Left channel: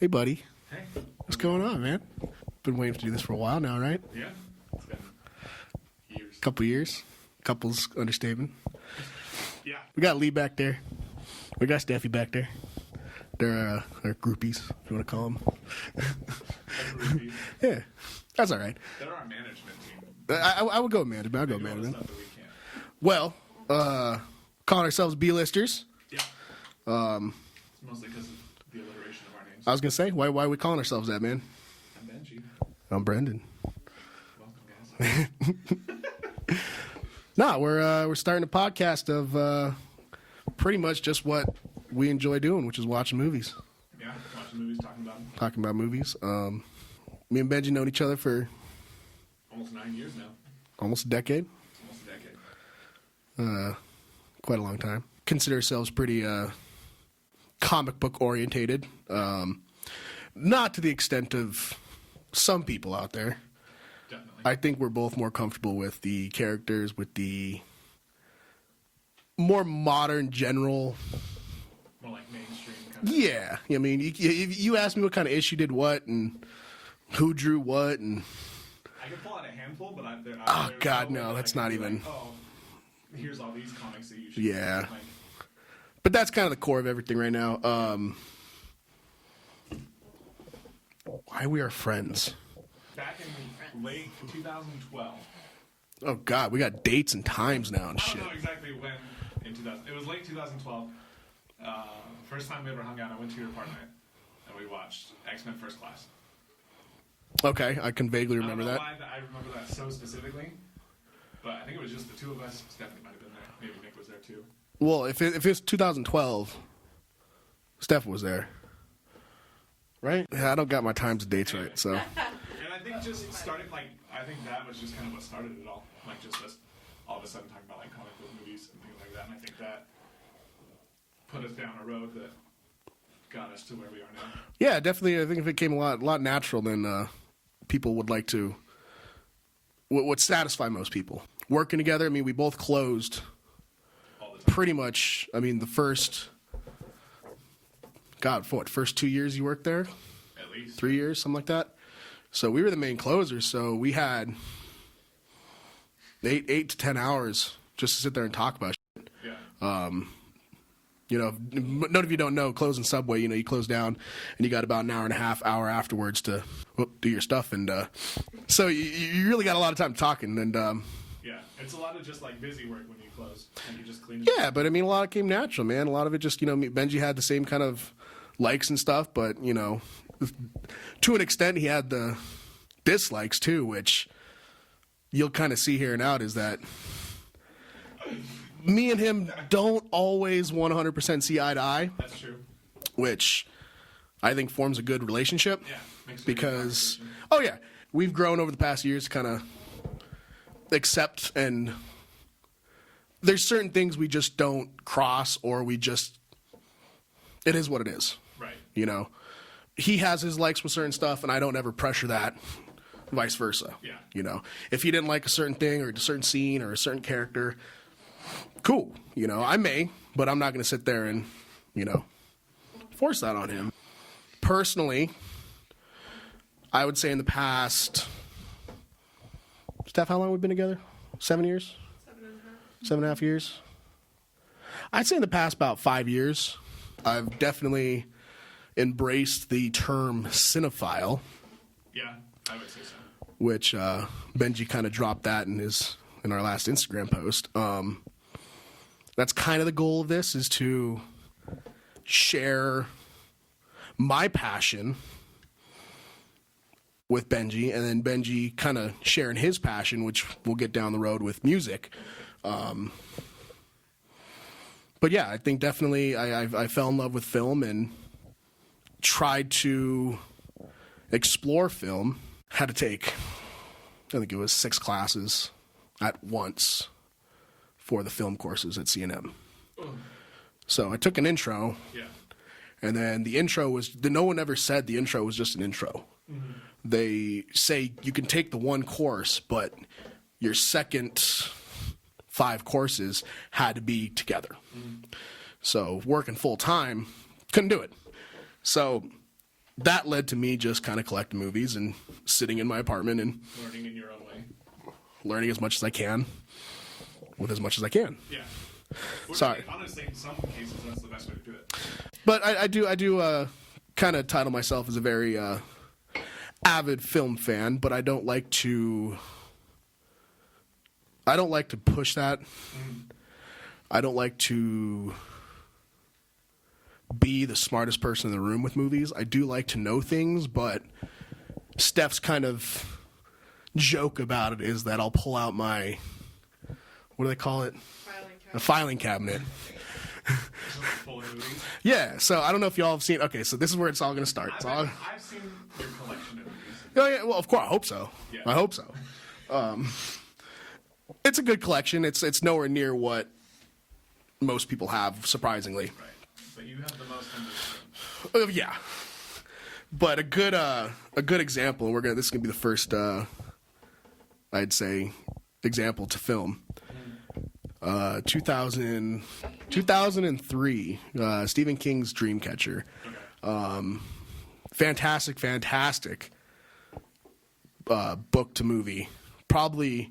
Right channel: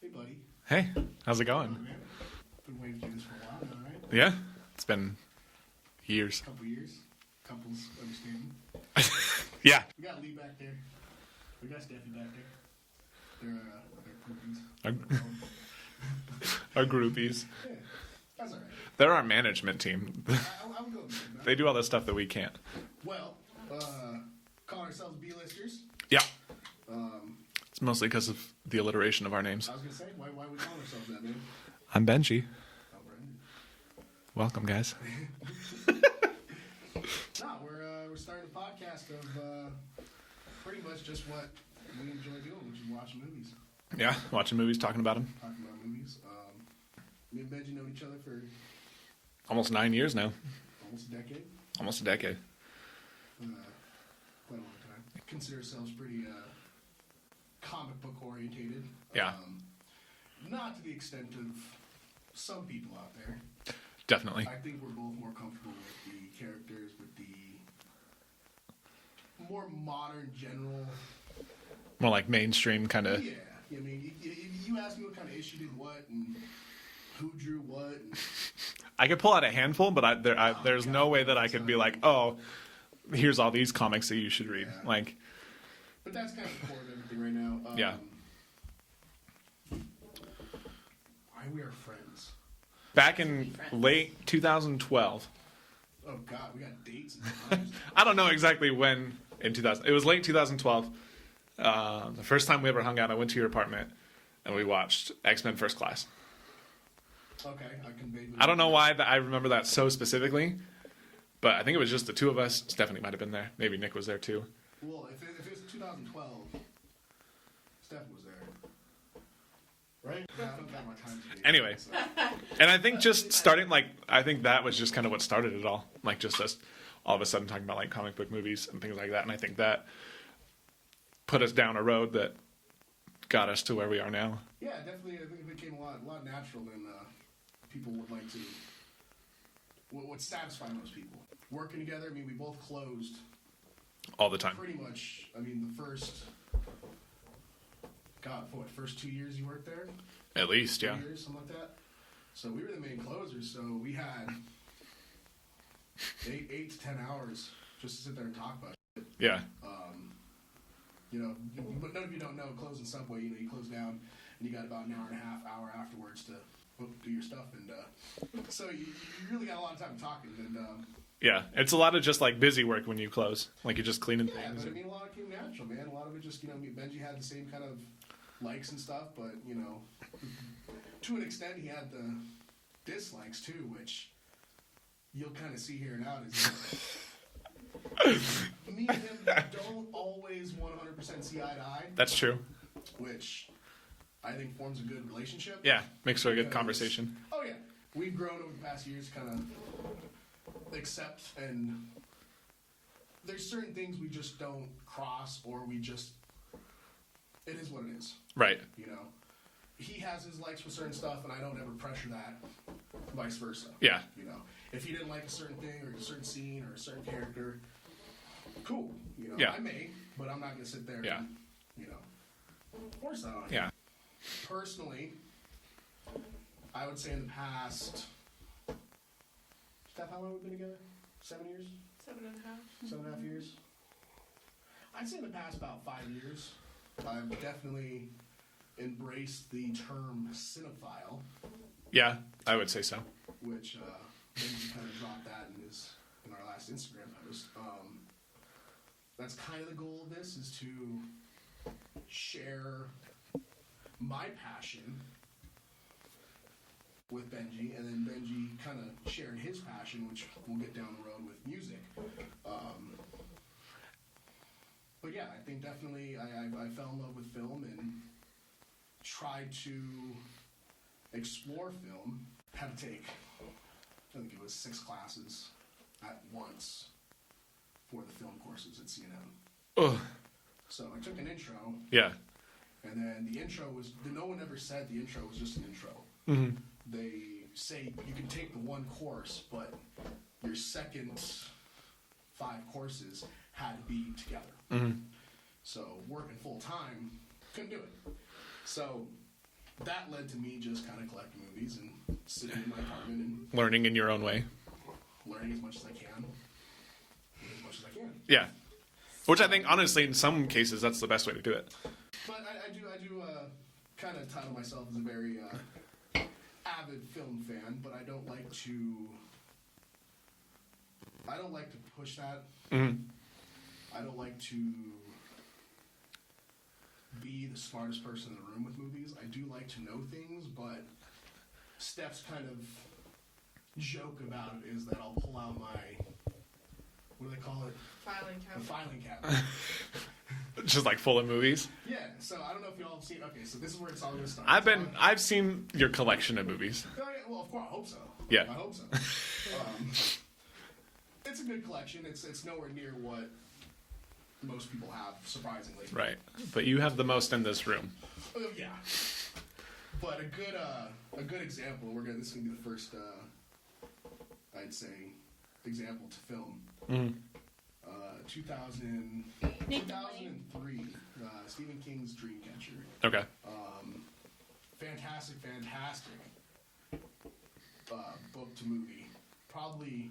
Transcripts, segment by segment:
Hey, buddy. Hey, how's What's it going going? on, man? Been waiting to do this for a while now, right? Yeah, it's been years. Couple years. Couples understatement. Yeah, We got Lee back there. We got Steffi back there. They're our groupies, I'm going to call them. our groupies. Yeah, that's all right. They're our management team. I would go with man. They do all the stuff that we can't. Well, calling ourselves B-listers. Yeah. It's mostly because of the alliteration of our names. I was going to say, why are we calling ourselves that, man? I'm Benji. I'm Brendan. Welcome, guys. Nah, we're starting a podcast of pretty much just what we enjoy doing, which is watching movies. Yeah, watching movies, talking about them. Talking about movies. Me and Benji known each other for Almost 9 years now. almost a decade. Almost a decade. Quite a long time. Consider ourselves pretty comic book orientated. Yeah. Not to the extent of some people out there. Definitely. I think we're both more comfortable with the characters, with the more modern general. More like mainstream kind of. Yeah. I mean, you asked me what kind of issue did what and who drew what. And I could pull out a handful, but there's God, no way no, that I it's could not be even- like, oh, here's all these comics that you should Yeah. read. Like, But that's kind of the core of everything right now. Why we are friends. back in late 2012. Oh, God. We got dates and times now. and I don't shit. know exactly when in 2000. It was late 2012. The first time we ever hung out, I went to your apartment and we watched X-Men First Class. Okay. I can vaguely remember I don't know that. why I remember that so specifically, but I think it was just the two of us. Stephanie might have been there. Maybe Nick was there too. Well, if it's 2012, Steph was there. Right? Yeah, I don't got my times and dates Anyway. right, so. And I think just starting, I think that was just kind of what started it all. Like, just us all of a sudden talking about, like, comic book movies and things like that. And I think that put us down a road that got us to where we are now. Yeah, definitely. I think if it came a lot natural, then people would like to. Would satisfy most people. Working together, I mean, we both closed All the time. pretty much. I mean, the first. God, first 2 years you worked there? At least. 3 yeah. years, something like that. So we were the main closers, so we had 8 to 10 hours just to sit there and talk about shit. Yeah. You know, none of you don't know, closing Subway, you know, you close down and you got about an hour and a half, hour afterwards to do your stuff. And so you really got a lot of time talking. And Yeah. It's a lot of just, like, busy work when you close. Like, you're just cleaning. yeah, but I mean, a lot of it came natural, man. A lot of it just, you know, Benji had the same kind of likes and stuff, but, you know, to an extent, he had the dislikes too, which you'll kind of see here and out is that me and him don't always 100% see eye to eye, That's true. which I think forms a good relationship. Yeah. Makes for a good conversation. Oh, yeah. We've grown over the past years to kind of accept, and there's certain things we just don't cross, or it is what it is. Right. You know, he has his likes with certain stuff, and I don't ever pressure that, vice versa. Yeah. You know, if he didn't like a certain thing or a certain scene or a certain character, cool. You know, Yeah. I may, but I'm not going to sit there and, you know, force that on him. Yeah. Personally, I would say in the past, Steph, how long have we been together? 7 years? 7.5 years. I'd say in the past about 5 years, I've definitely embraced the term cinephile, Yeah. I would say so. which Benji kind of dropped that in our last Instagram post. That's kind of the goal of this, is to share my passion with Benji, and then Benji kind of sharing his passion, which we'll get down the road with music. But yeah, I think definitely I fell in love with film and tried to explore film. Had to take, I think it was 6 classes at once for the film courses at C&M. Ugh. So I took an intro, Yeah. and then the intro was, no one ever said the intro was just an intro. Mm-hmm. They say you can take the one course, but your second 5 courses had to be together. Mm-hmm. So working full time, couldn't do it. So that led to me just kind of collecting movies and sitting in my apartment and Learning in your own way. learning as much as I can with as much as I can. Yeah. Which Sorry. I think, honestly, in some cases, that's the best way to do it. But I do kind of title myself as a very avid film fan, but I don't like to push that. Mm-hmm. I don't like to be the smartest person in the room with movies. I do like to know things, but Steph's kind of joke about it is that I'll pull out my, what do they call it? A filing cabinet. Just like full of movies. Yeah, so I don't know if y'all have seen. Okay, so this is where it's all going to start. I've seen your collection of movies. Oh yeah, well, of course, I hope so. Yeah, I hope so. It's a good collection. It's nowhere near what most people have, surprisingly. Right, but you have the most in this room. Yeah, but a good example. This is gonna be the first, I'd say, example to film. 2003, Stephen King's Dreamcatcher. Okay. Fantastic book to movie. Probably,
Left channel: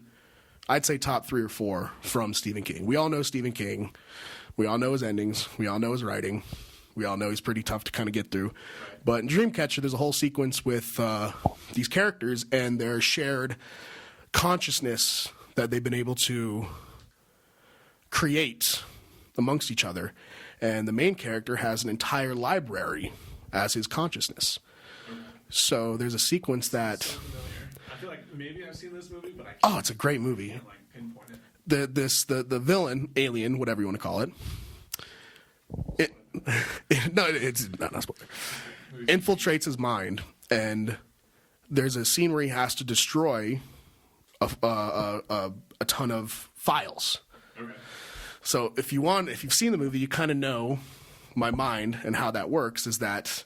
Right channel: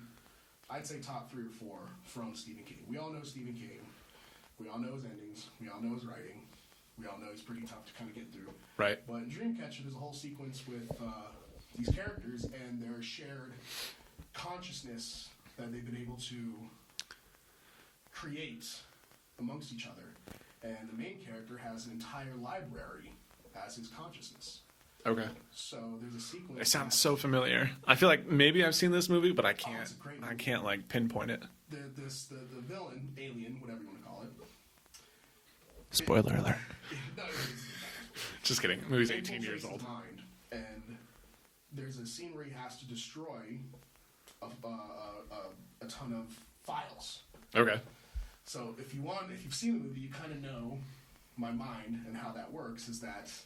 I'd say top 3 or 4 from Stephen King. We all know Stephen King. We all know his endings. We all know his writing. We all know he's pretty tough to kind of get through. Right. But in Dreamcatcher, there's a whole sequence with these characters and their shared consciousness that they've been able to create amongst each other. And the main character has an entire library as his consciousness. Okay. So there's a sequence that... so familiar. I feel like maybe I've seen this movie, but I can't. Oh, it's a great movie. I can't like pinpoint it. The villain, alien, whatever you want to call it. Spoiler alert. No, it's not spoiler. Just kidding. Movies Infiltrates his mind, and there's a scene where he has to destroy a ton of files. Okay. So if you've seen the movie, you kind of know my mind and how that works. Is that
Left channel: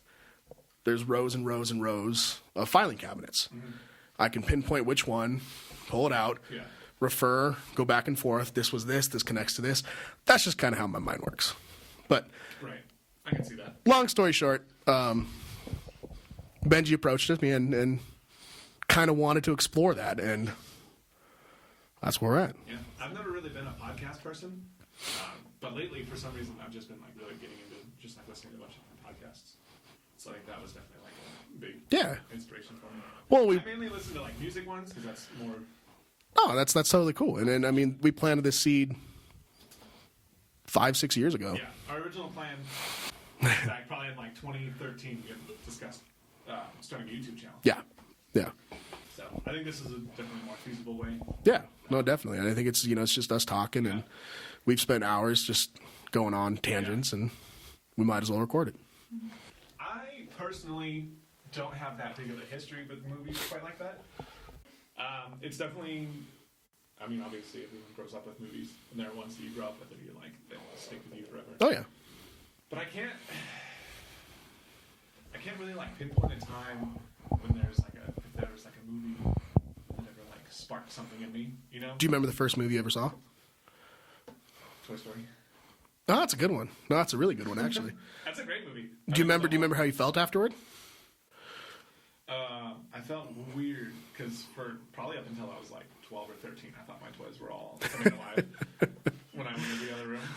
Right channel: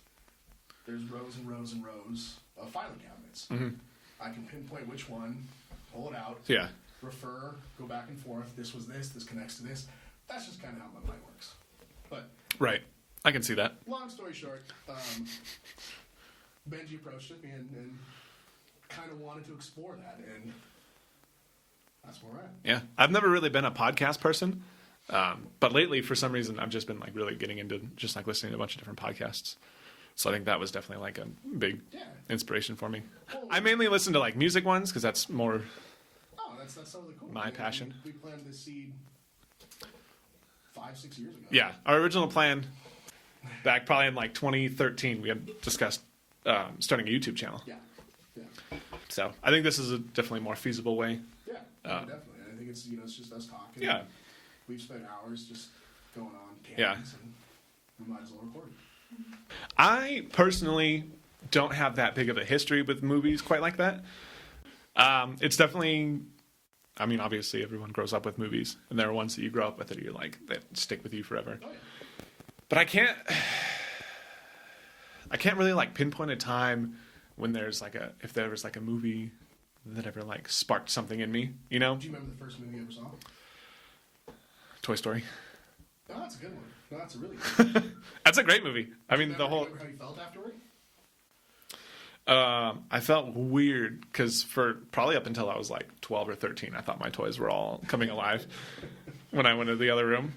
there's rows and rows and rows of filing cabinets. Mm-hmm. I can pinpoint which one, pull it out, refer, go back and forth. This was this. This connects to this. That's just kind of how my mind works. But right, I can see that. Long story short, Benji approached me and kind of wanted to explore that, and that's where we're at. Yeah, I've never really been a podcast person, but lately, for some reason, I've just been like really getting into just like listening to a bunch of different podcasts. So I think that was definitely like a big inspiration for me. Well, I mainly listen to like music ones because that's more. Oh, that's totally cool. And then, I mean, we planted this seed 5-6 years ago. Yeah, our original plan back probably in like 2013, we had discussed starting a YouTube channel. Yeah. So I think this is a definitely more feasible way. Yeah, no, definitely. And I think it's it's just us talking, and we've spent hours just going on tangents, and we might as well record it. I personally don't have that big of a history with movies quite like that. It's definitely, I mean, obviously everyone grows up with movies, and there are ones that you grow up with that you're like, that stick with you forever. Oh, yeah. But I can't really like pinpoint a time when if there was like a movie that ever like sparked something in me, you know? Do you remember the first movie you ever saw? Toy Story. Oh, that's a good one. No, that's a really good one, actually. That's a great movie. Do you remember how you felt afterward? I felt weird because for probably up until I was like 12 or 13, I thought my toys were all coming alive when I went to the other room.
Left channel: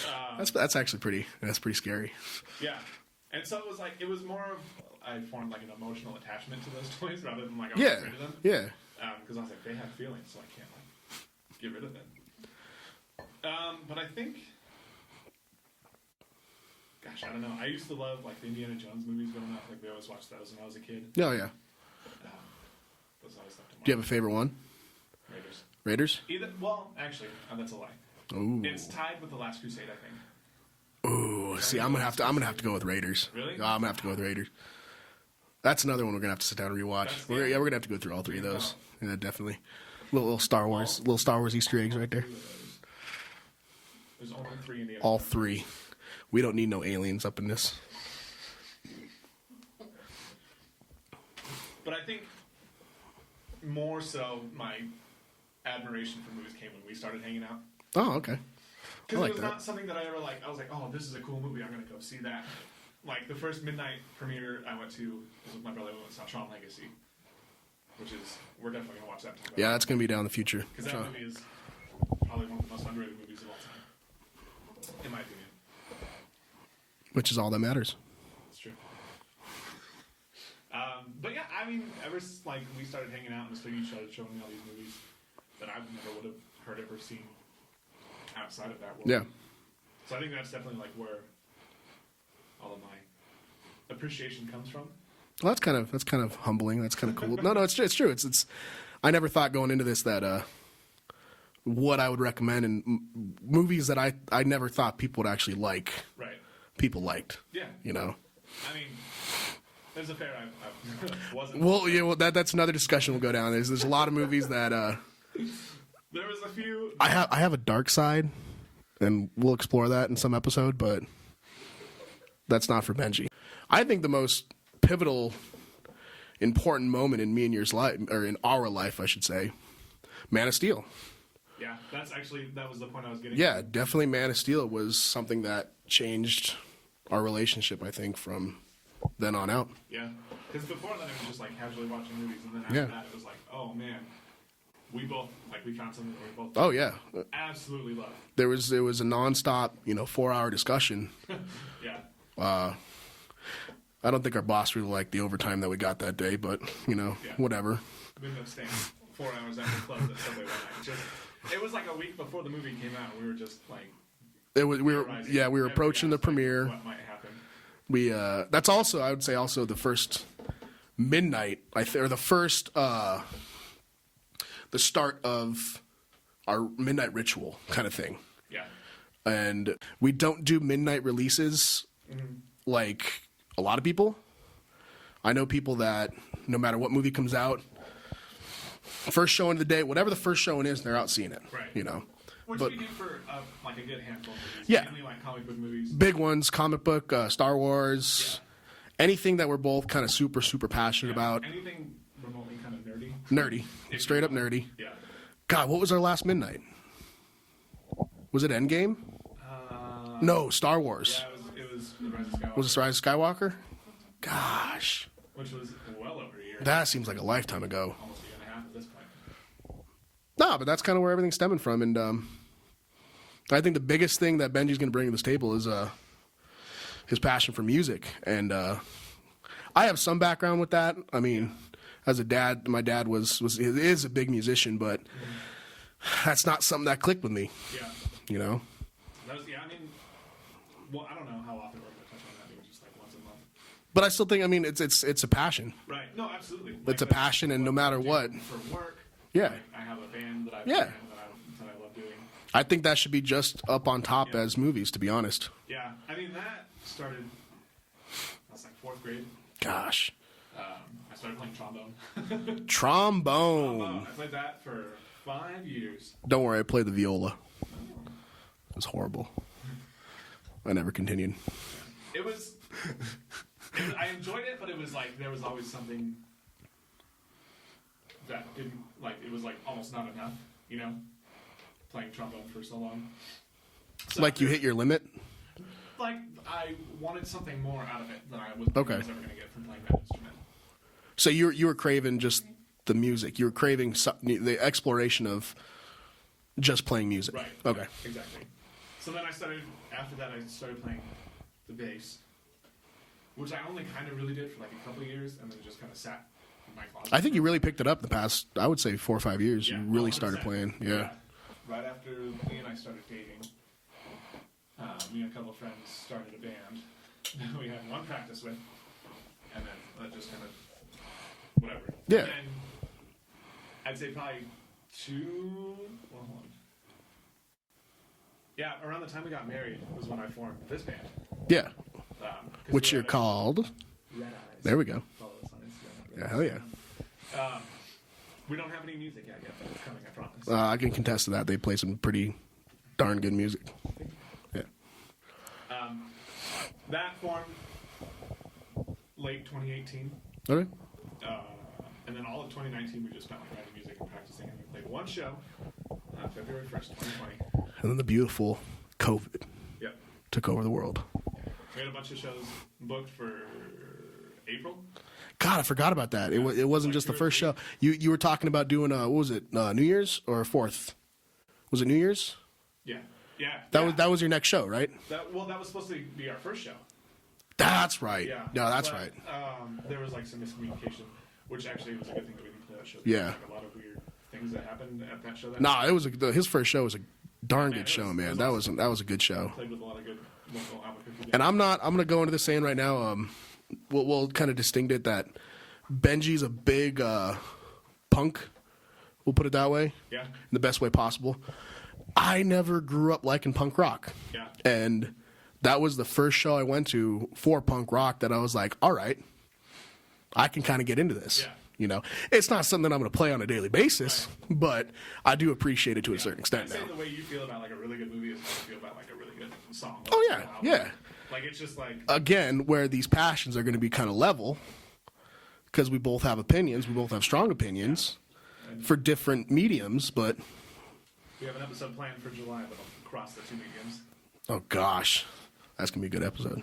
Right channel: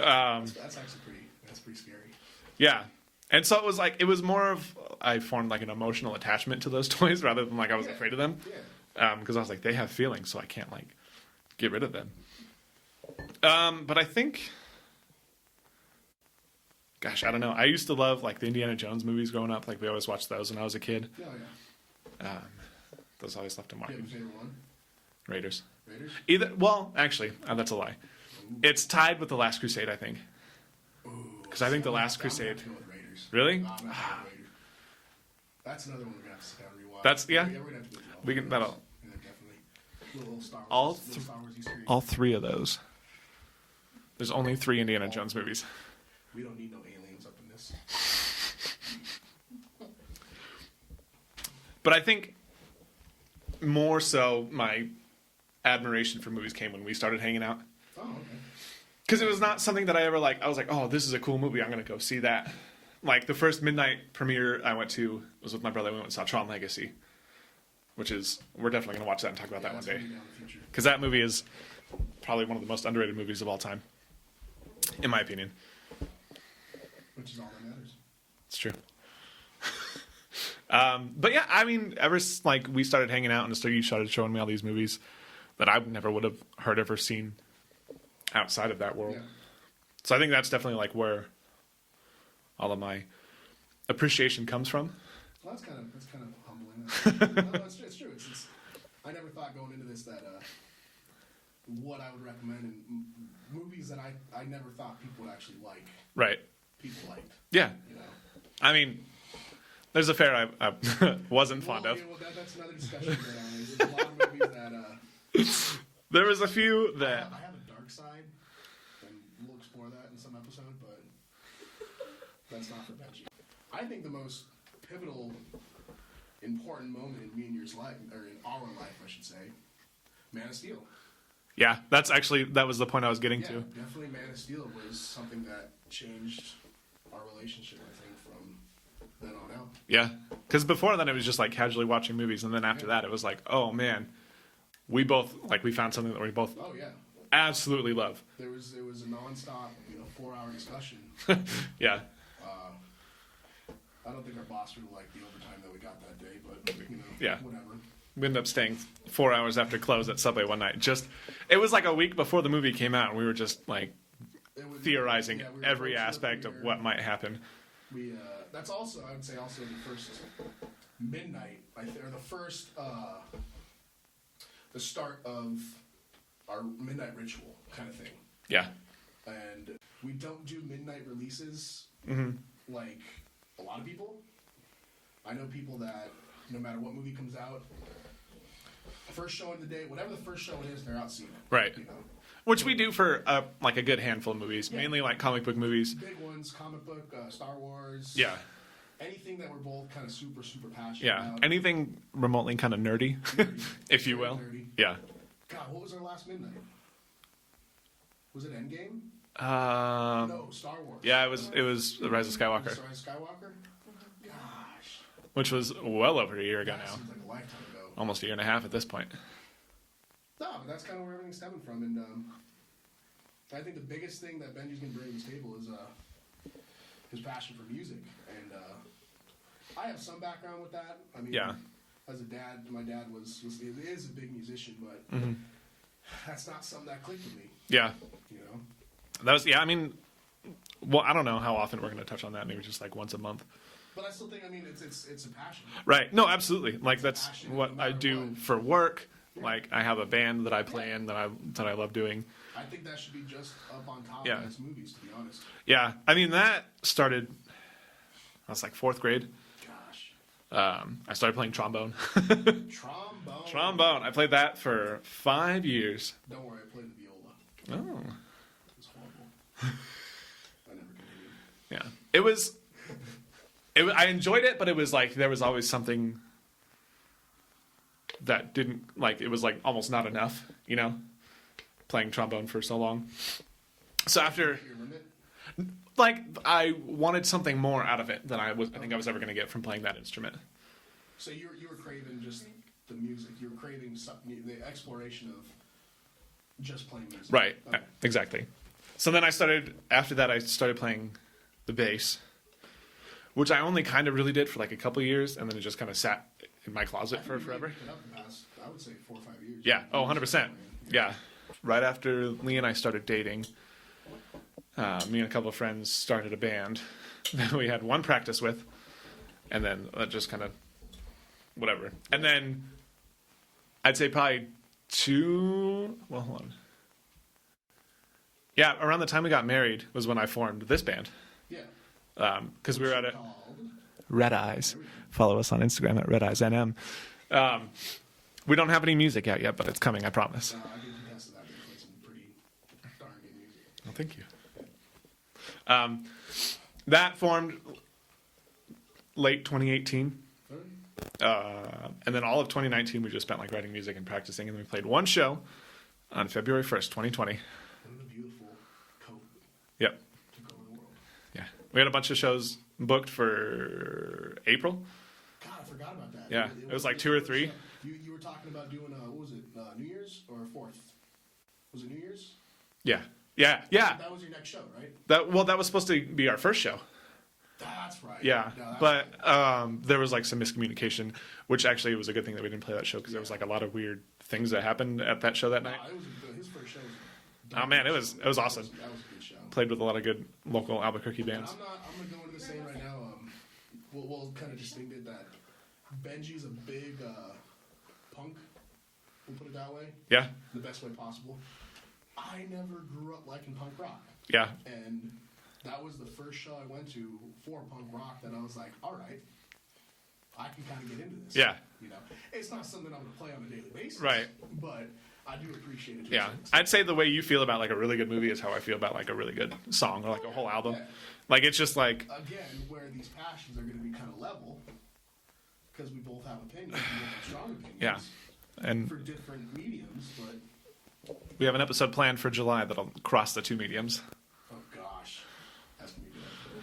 That's actually pretty scary. Yeah. And so it was more of, I formed like an emotional attachment to those toys rather than like I was afraid of them. Yeah. Because I was like, they have feelings, so I can't like get rid of them. But I think, gosh, I don't know. I used to love like the Indiana Jones movies growing up. Like we always watched those when I was a kid. Oh, yeah. Those always left a mark. Do you have a favorite one? Raiders. Actually, that's a lie. Ooh. It's tied with The Last Crusade, I think. Ooh, I'm gonna have to go with Raiders. Really? No, I'm gonna have to go with Raiders. That's another one we're gonna have to sit down and rewatch. We're gonna have to go through all three of those. Yeah, definitely. Little Star Wars Easter eggs. All three of those. There's only 3 Indiana Jones movies. We don't need no aliens up in this. But I think more so my admiration for movies came when we started hanging out. Oh, okay. Because it was not something that I ever I was like, oh, this is a cool movie. I'm going to go see that. like the first midnight premiere I went to was with my brother. We went and saw Tron Legacy, which is we're definitely going to watch that and talk about. Yeah, that that's going to be down in the future because that movie is probably one of the most underrated movies of all time, in my opinion. Which is all that matters. It's true. But yeah, I mean, like we started hanging out and you started showing me all these movies that I never would have heard of or seen outside of that world. Yeah. So I think that's definitely like where all of my appreciation comes from. Well, that's kind of humbling. That's kind of cool. No, it's true. It's. I never thought going into this that what I would recommend and movies that I never thought people would actually like. Right. People liked. Yeah. You know. I mean, there's a fair I wasn't. Well, yeah. Well, that's another discussion we'll go down. There's a lot of movies that. There was a few. I have a dark side, and we'll explore that in some episode, but that's not for Benji. I think the most pivotal, important moment in me and yours life, or in our life, I should say, Man of Steel. Yeah, that was the point I was getting to. Yeah, definitely Man of Steel was something that changed our relationship, I think, from then on out. Yeah, because before then it was just like casually watching movies, and then after Yeah. that it was like, oh man, we both we found something that we both Oh yeah, absolutely love. there was a nonstop 4-hour discussion. Yeah, I don't think our boss really liked the overtime that we got that day, but Yeah. whatever. we ended up staying 4 hours after close at Subway one night. It was like a week before the movie came out, and we were just like We were theorizing. we were every approaching the aspect of premiere. what might happen. We that's also, I would say, also the first midnight, or the first the start of our midnight ritual kind of thing. Yeah, And we don't do midnight releases like a lot of people. I know people that no matter what movie comes out, first showing of the day, whatever the first showing is, they're out seeing it. Right. Which But- we do for like a good handful of movies, Yeah. mainly like comic book movies. Big ones, comic book, Star Wars. Yeah. Anything that we're both kind of super passionate Yeah, about. anything remotely kind of nerdy. Nerdy. If you Straight up will. nerdy. Yeah. God, what was our last midnight? Was it Endgame? No, Star Wars. Yeah, it was The Rise of Skywalker, Was it Rise of Skywalker? Gosh. which was well over a year ago. That seems like a lifetime ago. Almost a year and a half at this point. No, but that's kind of where everything's stemming from. And I think the biggest thing that Benji's going to bring to this table is his passion for music. And I have some background with that. I mean, Yeah. as a dad, my dad is a big musician, but that's not something that clicked with me, Yeah. That was I mean, well, I don't know how often we're going to touch on that. Maybe just like once a month. But I still think, I mean, it's a passion. Right. No, absolutely. Like It's a that's passion, and what no matter I do what. for work. Yeah. Like I have a band that I play Yeah. in that I love doing. I think that should be just up on top Yeah. as movies, to be honest. Yeah. I mean that started. I was like 4th grade. Gosh. I started playing trombone. Trombone. Trombone. I played that for 5 years. Don't worry, I played the viola. Oh. It was horrible. I never continued. Yeah. It was. I enjoyed it, but it was like there was always something that didn't like. It was like almost not enough. Playing trombone for so long. So Like after, you hit your limit? like I wanted something more out of it than I was think Okay. I was ever going to get from playing that instrument. So you were craving just the music. You were craving the exploration of just playing music. Right. Okay. Exactly. So then after that I started playing the bass, which I only kind of really did for like a couple of years, and then it just kind of sat in my closet. I think for you really forever. picked it up the past, I would say, 4 or 5 years. Yeah, You really 100%. started playing. Yeah. Right after Lee and I started dating, me and a couple of friends started a band that we had one practice with, and then that just kind of whatever. Yeah. And then I'd say probably hold on. Yeah, around the time we got married was when I formed this band. Yeah. Because Which we were you're at called. Red Eyes. There we go. Follow us on Instagram at Red Eyes NM. We don't have any music out yet, but it's coming, I promise. I can contest to that. They play some pretty darn good music. Thank you. Yeah. That formed late 2018. Okay. And then all of 2019 we just spent like writing music and practicing, and we played one show on February 1st, 2020. And then the beautiful COVID Yep. took over the world. Yeah. We had a bunch of shows booked for April. God, I forgot about that. Yeah, It wasn't like just 2 the or first 3. show. You were talking about doing what was it? New Year's or 4th? Was it New Year's? Yeah, yeah, That was your next show, right? That was supposed to be our first show. That's right. Yeah, No, that's but, right. There was like some miscommunication, which actually was a good thing that we didn't play that show because there was like a lot of weird things that happened at that show. That night. It was his first show was a darn good show, man. It was awesome. That was a good show. Played with a lot of good local Albuquerque bands. And I'm gonna go into this saying right now. We'll kind of distinct it that Benji's a big punk. We'll put it that way. Yeah. In the best way possible. I never grew up liking punk rock. Yeah. And that was the first show I went to for punk rock that I was like, all right, I can kind of get into this. Yeah. You know, it's not something I'm going to play on a daily basis, Right. but I do appreciate it to a certain extent. I'd say the way you feel about like a really good movie is how I feel about like a really good song or Oh, like yeah, a whole album. yeah. Like it's just like Again, where these passions are going to be kind of level because we both have opinions, we both have strong opinions and for different mediums, but we have an episode planned for July that'll cross the 2 mediums. oh gosh, that's going to be a good episode.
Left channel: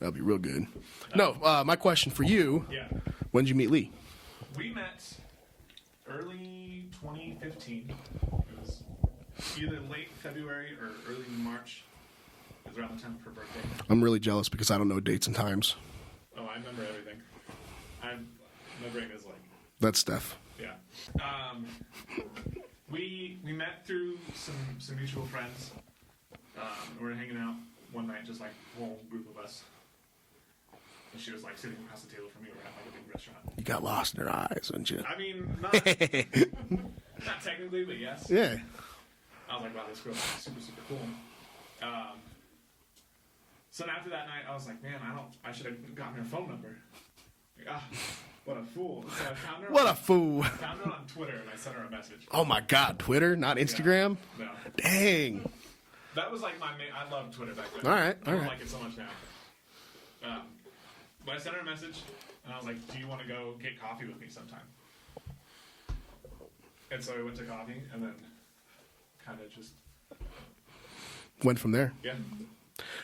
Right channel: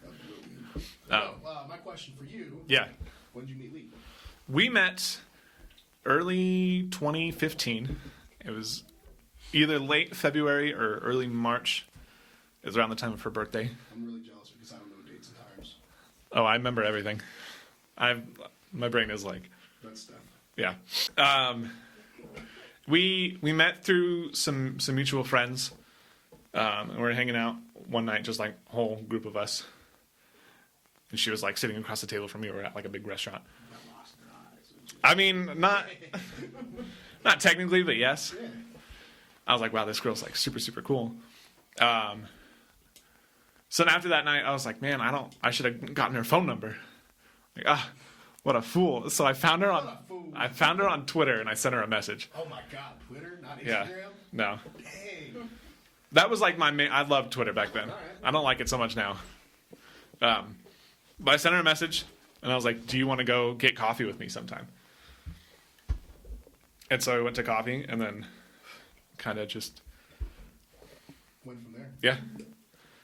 That'll be real good. My question for you, Yeah. when did you meet Lee? We met early 2015. It was either late February or early March. It was around the time of her birthday. I'm really jealous because I don't know dates and times. Oh, I remember everything. My brain is like, That's Steph. yeah. We met through some mutual friends. And we were hanging out one night, just like a whole group of us. And she was like sitting across the table from me. We were at like a big restaurant. You got lost in her eyes, didn't you? I mean, not technically, but yes. Yeah. I was like, wow, this girl's like super, super cool. So then after that night, I was like, man, I should have gotten her phone number. Like, what a fool. So I found her What a fool. I found her on Twitter and I sent her a message. Oh my God, Twitter, not Instagram? No. Dang. That was like my main, I loved Twitter back then. All right, I don't like it so much now. But I sent her a message and I was like, do you want to go get coffee with me sometime? And so we went to coffee and then kind of just, Went from there. yeah.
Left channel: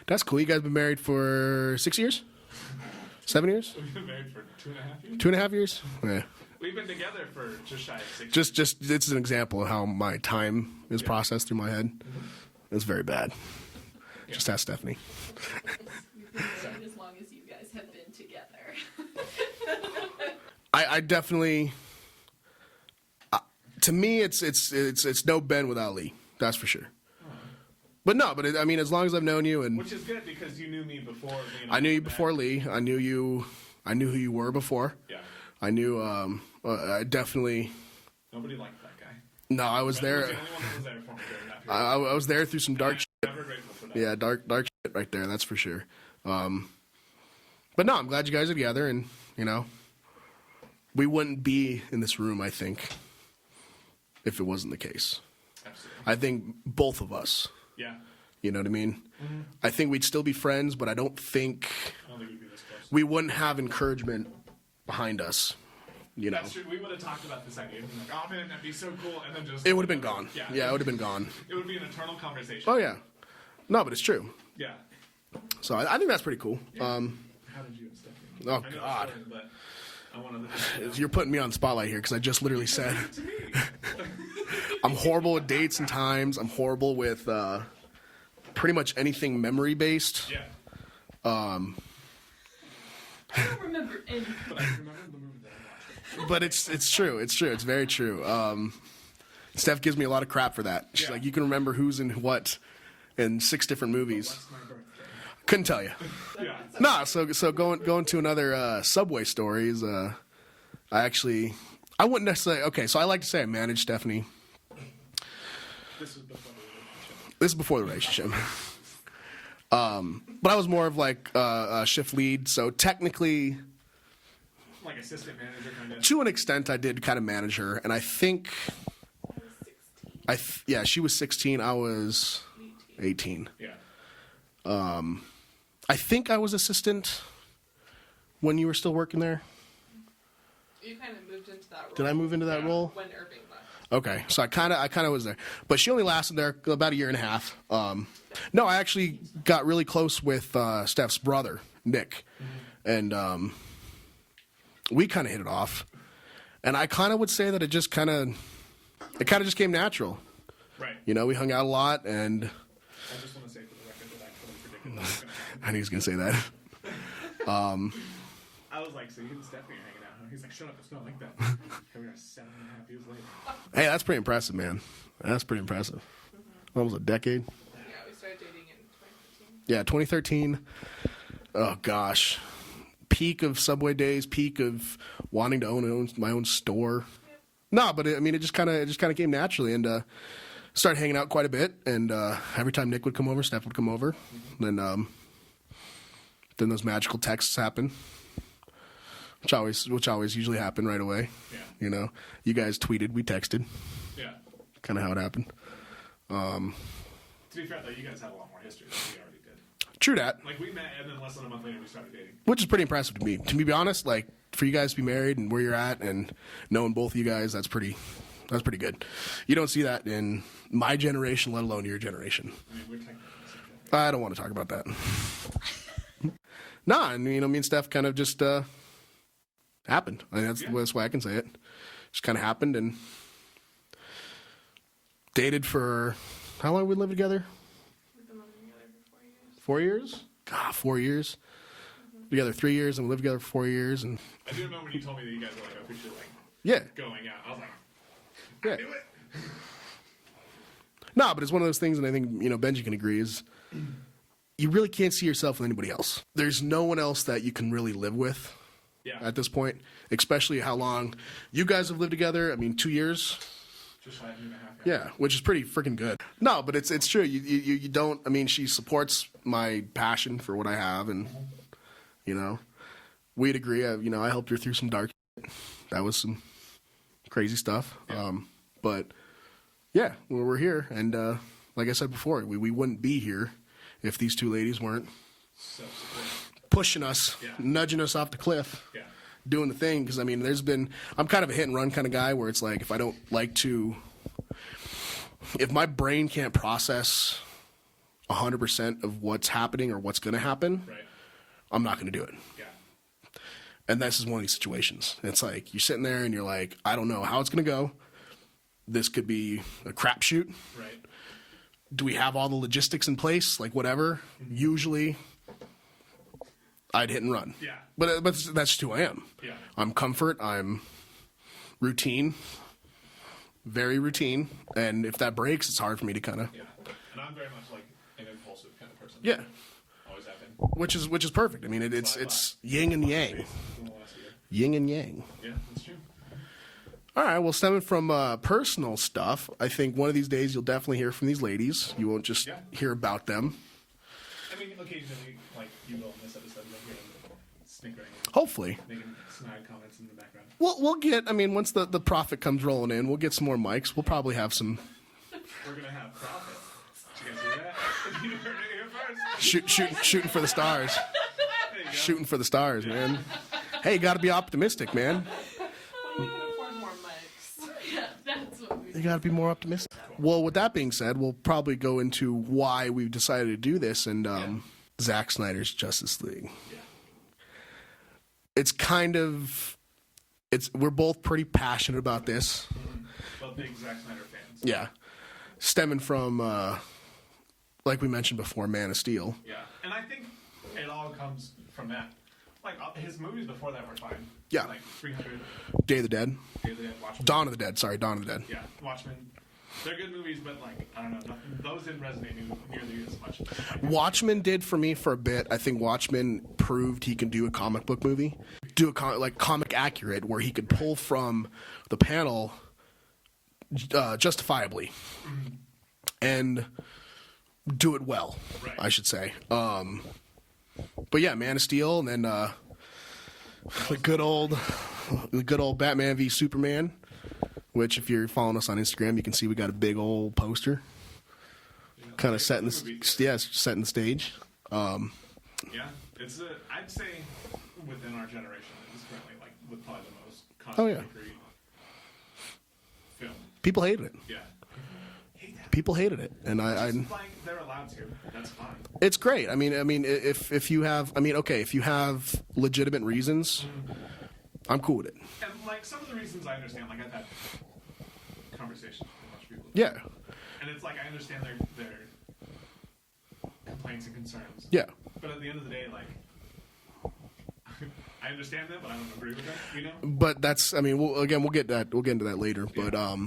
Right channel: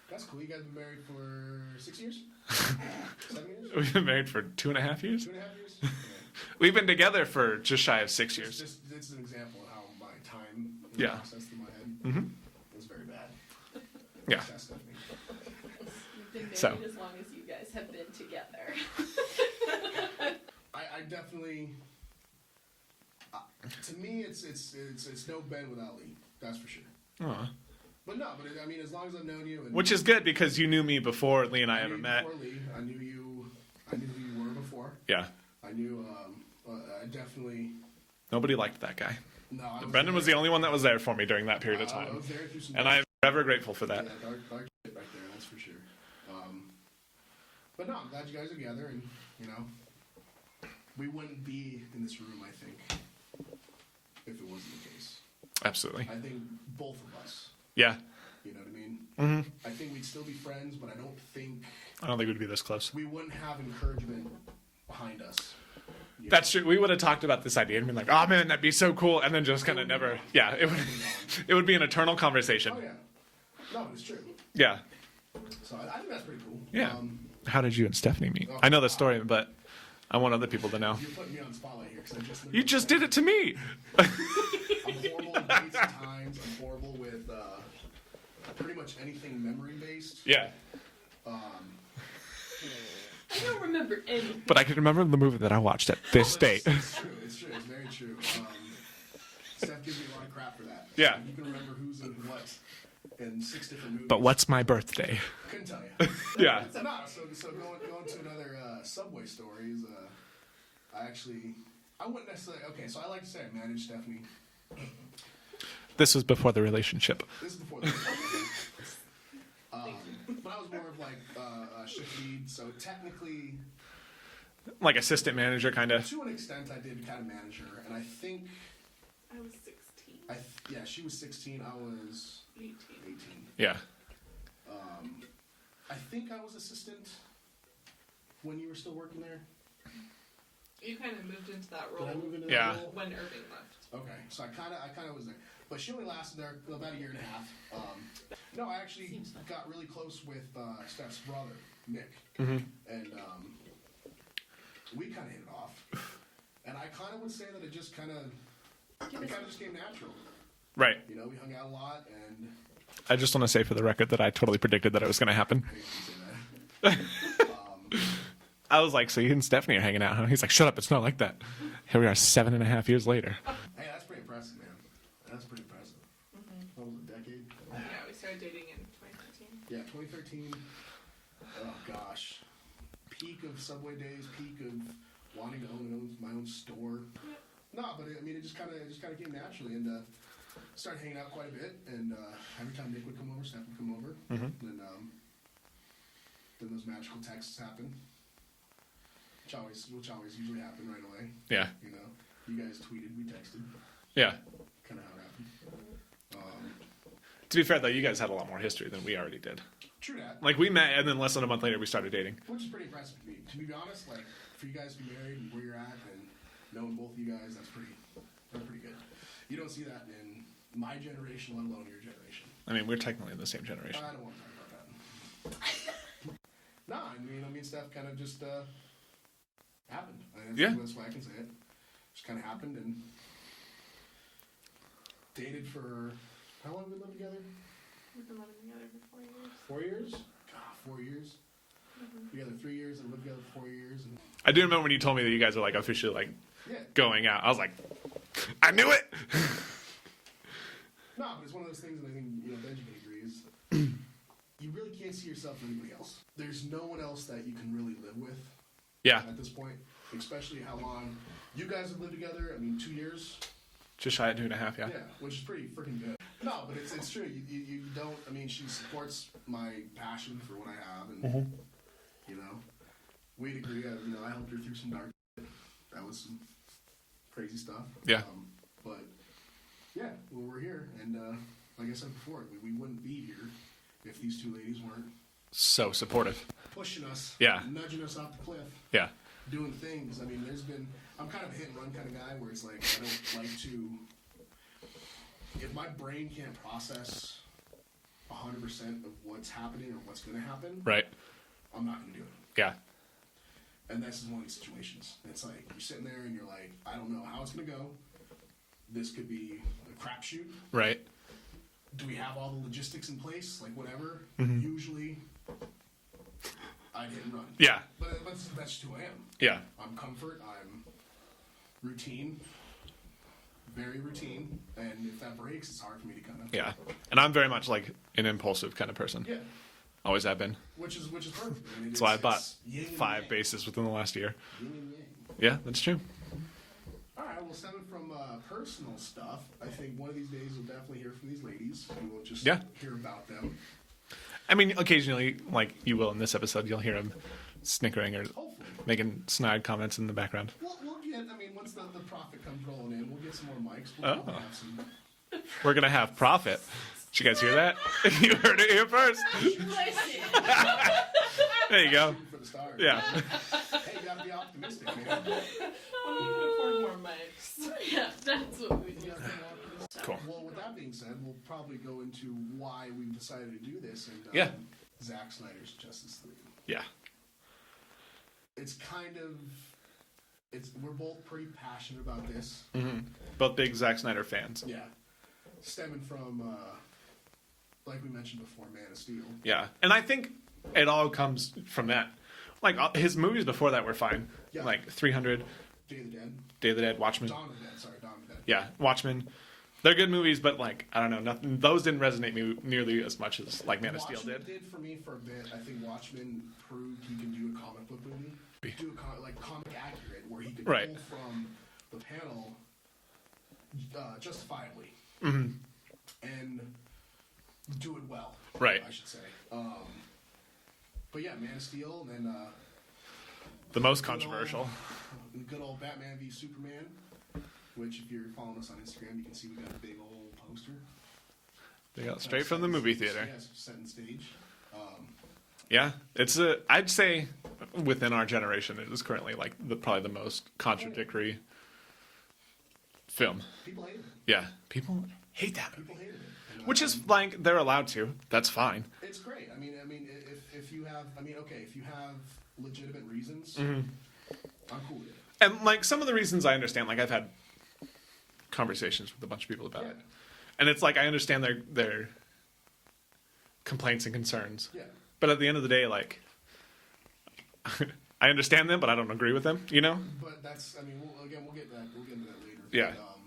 That's cool. You guys been married for 6 years? 7 years? We've been married for 2.5 years. 2.5 years? Yeah. We've been together for just shy of 6 years. Just it's an example of how my time is Yeah. processed through my head. Mm-hmm. It's very bad. Yeah. Just ask Stephanie. So. As long as you guys have been together. I definitely. To me, it's no Ben without Lee. That's for sure. But no, I mean, as long as I've known you, and Which is good because you knew me before Lee and I I knew ever you met. before Lee, I knew who you were before. Yeah. I knew. I definitely. Nobody liked that guy. No, I was Brendan there. was the only one that was there for me during that period of time. I was there through some and dark. I'm ever grateful for that. Yeah, dark shit right there. That's for sure. But no, I'm glad you guys are together, and we wouldn't be in this room, I think, if it wasn't the case. Absolutely. I think both of us. Yeah. You know what I mean? Mm-hmm. I think we'd still be friends, but I don't think we'd be this close. we wouldn't have encouragement behind us. That's true. We would have talked about this idea and been like, "Oh man, that'd be so cool," and then just It kinda would have been never- gone. Yeah, it would have been gone. It would be an eternal conversation. Oh yeah. No, but it's true. Yeah. So I think that's pretty cool. Yeah. How did you and Stephanie meet? Oh, I know the God. story, but I want other people to know. You're putting me on the spotlight here because I just literally You just said did it to me. I'm horrible with dates and times. I'm horrible with pretty much anything memory based. Yeah. I don't remember anything. But I can remember the movie that I watched at this But date. it's true. It's true. It's very true. Steph gives me a lot of crap for that. She's Yeah. like, you can remember who's in what in 6 different movies. But what's my birthday? Couldn't tell you. Yeah. Nah. So going to another Subway stories. I wouldn't necessarily. Okay, so I like to say I managed Stephanie. This was before the relationship. This is before the relationship. But I was more of like a shift lead. So technically, Like assistant manager, kind of. to an extent, I did kind of manage her, and I think. I was 16. She was 16. I was 18. Yeah. I think I was assistant when you were still working there. You kind of moved into that role. Did I move into that Yeah. role? When Irving left. Okay, so I kind of was there, but she only lasted there about a year and a half. No, I actually got really close with Steph's brother, Nick, and we kind of hit it off. And I kind of would say that it kind of just came natural. Right. You know, we hung out a lot, and I just want to say for the record that I totally predicted that it was going to happen. I knew he was going to say that. I was like, so you and Stephanie are hanging out, huh? He's like, shut up, it's not like that. Here we are 7.5 years later. Hey, that's pretty impressive, man. That's pretty impressive. Almost a decade. Yeah, we started dating in 2013. Yeah, 2013. Oh, gosh. Peak of Subway days, peak of wanting to own my own store. Yep. No, but it just kind of came naturally, and started hanging out quite a bit. And every time Nick would come over, Steph would come over. Then those magical texts happen, which always usually happen right away. Yeah. You know, you guys tweeted, we texted. Yeah. Kind of how it happened. To be fair, though, you guys had a lot more history than we already did. True that. Like, we met, and then less than a month later, we started dating. Which is pretty impressive to me. To be honest, like, for you guys to be married and where you're at and knowing both of you guys, that's pretty good. You don't see that in my generation, let alone your generation. I mean, we're technically in the same generation. I don't want to talk about that. Nah, and, you know, me and Steph kind of just happened. I mean, that's the best way I can say it. Just kind of happened, and dated for, how long have we lived together? We've been living together for 4 years. 4 years? God, 4 years. Together 3 years, and we lived together for 4 years. And I do remember when you told me that you guys are, like, officially, like, yeah. going out. I was like, I knew it! No, but it's one of those things, and I think, you know, Benji can agree, is you really can't see yourself with anybody else. There's no one else that you can really live with at this point, especially how long you guys have lived together. I mean, 2 years. Just shy of 2.5, yeah. Yeah, which is pretty freaking good. No, but it's true. You don't, I mean, she supports my passion for what I have, and, you know, we'd agree. You know, I helped her through some dark shit. That was some crazy stuff. Yeah. But, yeah, we're here, and like I said before, we wouldn't be here if these two ladies weren't So supportive. pushing us, nudging us off the cliff. Yeah. Doing the thing, because I mean, I'm kind of a hit and run kind of guy where it's like, if I don't like to, if my brain can't process 100% of what's happening or what's going to happen, Right. I'm not going to do it. Yeah. And this is one of these situations. It's like, you're sitting there and you're like, I don't know how it's going to go. This could be a crapshoot. Right. Do we have all the logistics in place? Like, whatever. Usually, I'd hit and run. Yeah. But that's just who I am. Yeah. I'm comfort. I'm routine. Very routine. And if that breaks, it's hard for me to kind of... Yeah. And I'm very much like an impulsive kind of person. Yeah. Always have been. Which is perfect. I mean, it's yin and 5 yang. bases within the last year. Yin and yang. Yeah, that's true. All right. Well, stemming from personal stuff, I think one of these days you'll definitely hear from these ladies. You won't just hear about them. I mean, occasionally, like you will in this episode, you'll hear him snickering or hopefully making snide comments in the background. We'll get, I mean, once the profit comes rolling in, we'll get some more mics. We'll probably have some... We're going to have profit. Did you guys hear that? You heard it here first. Shooting for the stars. There you go. Shooting for the stars, man. Hey, you got to be optimistic, man. When we can afford more mics. Yeah, that's what we You got to be more optimistic. Cool. Well, with that being said, we'll probably go into why we've decided to do this and Zack Snyder's Justice League. Yeah. It's kind of... We're both pretty passionate about this. Mm-hmm. Both big Zack Snyder fans. Yeah. Stemming from, like we mentioned before, Man of Steel. Yeah. And I think it all comes from that. Like, his movies before that were fine. Yeah. Like 300. Day of the Dead. Day of the Dead, Watchmen. Dawn of the Dead. Sorry, Dawn of the Dead. Yeah, Watchmen. They're good movies, but, like, I don't know. Nothing, those didn't resonate me nearly as much as, like, Man of Steel Watchmen did for me for a bit. I think Watchmen proved he can do a comic book movie. Do a comic accurate, where he could pull from the panel justifiably. Mm-hmm. And do it well. Right. I should say. But yeah, Man of Steel, and then the most good old Batman v Superman, which if you're following us on Instagram, you can see we got a big old poster. Kind of set in the movie theater. Yeah, setting the stage. Yeah, it's I'd say within our generation, it is currently like probably the most contradictory film. People hated it. Yeah, people. hate that. People hated it, and Which is like they're allowed to. That's fine. it's great. I mean, if you have, if you have legitimate reasons, I'm cool with it. And like some of the reasons I understand, like I've had conversations with a bunch of people about Yeah, it. And it's like I understand their complaints and concerns. yeah, But at the end of the day, like I understand them, but I don't agree with them, you know? but that's. I mean, we'll get into that later. Yeah. But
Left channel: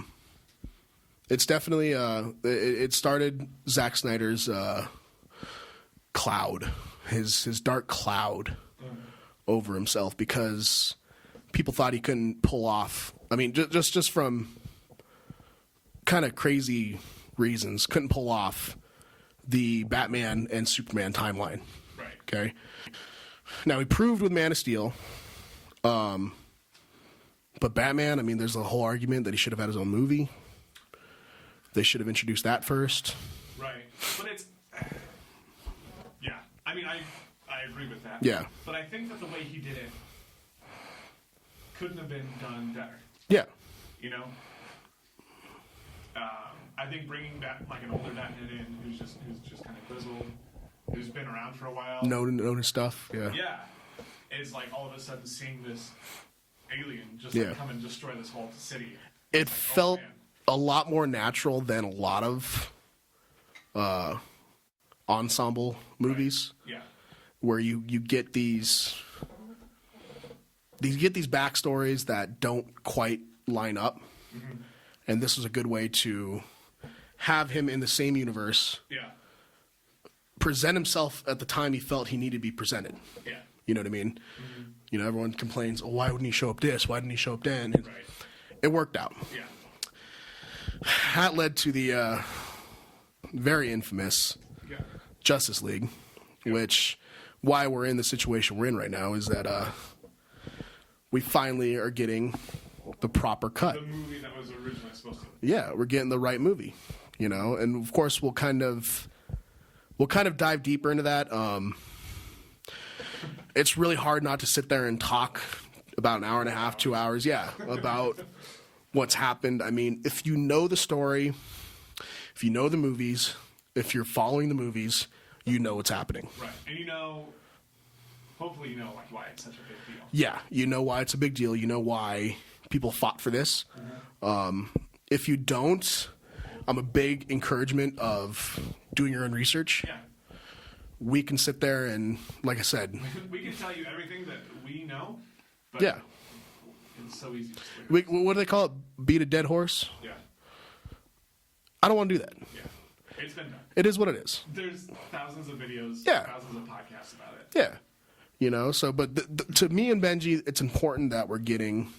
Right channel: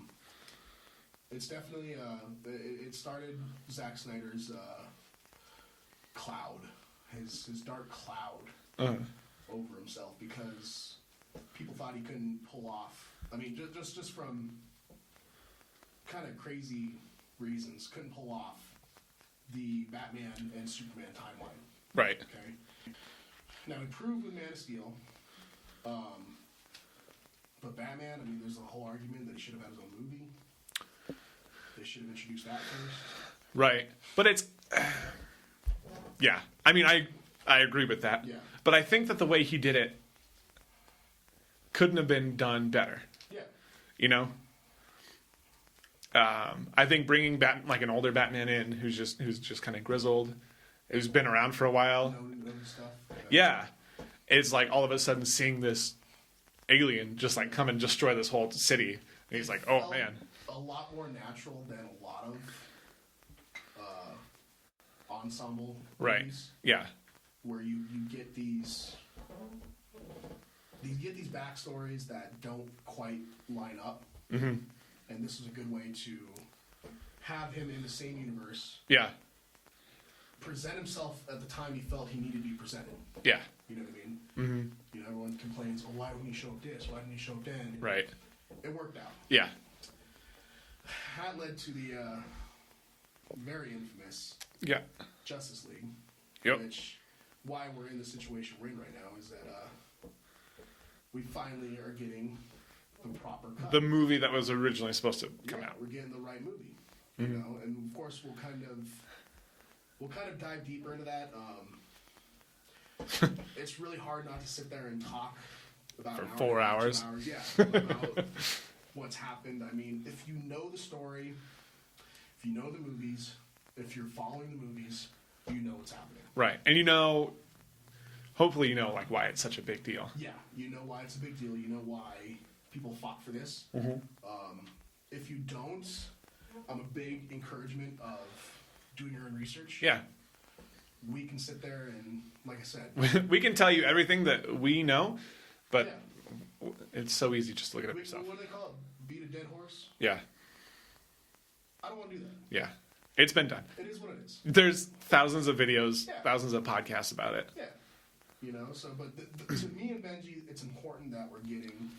it's definitely it started Zack Snyder's cloud, his dark cloud over himself, because people thought he couldn't pull off. I mean, just from kind of crazy reasons, couldn't pull off the Batman and Superman timeline. Right. Okay. Now he proved with Man of Steel, but Batman. I mean, there's a whole argument that he should have had his own movie. They should have introduced that first. Right. But it's yeah. I mean, I agree with that. Yeah. But I think that the way he did it couldn't have been done better. Yeah. You know? I think bringing like an older Batman in who's just kind of grizzled, who's been around for a while. Know his stuff. Yeah. Yeah. It's like all of a sudden seeing this alien just like Yeah. come and destroy this whole city. It It's like, felt oh man. a lot more natural than a lot of ensemble movies, Right. Yeah. where you get these backstories that don't quite line up. Mm-hmm. And this was a good way to have him in the same universe, Yeah. present himself at the time he felt he needed to be presented. Yeah. You know what I mean? Mm-hmm. You know, everyone complains, oh, why wouldn't he show up this? Why didn't he show up then? Right. It worked out. Yeah. That led to the very infamous Yeah. Justice League, Yep. which why we're in the situation we're in right now is that we finally are getting the proper cut. The movie that was originally supposed to. Yeah, we're getting the right movie, you know, and of course we'll kind of dive deeper into that. It's really hard not to sit there and talk about an hour and a 4 half, 2 hours, yeah, about what's happened. I mean, if you know the story, if you know the movies, if you're following the movies, you know what's happening. Right. And you know, hopefully you know like why it's such a big deal. Yeah, you know why it's a big deal. You know why people fought for this. If you don't, I'm a big encouragement of doing your own research. Yeah. We can sit there and, like I said, We can tell you everything that we know, but yeah. it's so easy just to look at it. What do they call it? Beat a dead horse? Yeah. I don't want to do that. Yeah. It's been done. It is what it is. There's thousands of videos, Yeah. thousands of podcasts about it. Yeah. You know, so, but to me and Benji, it's important that we're getting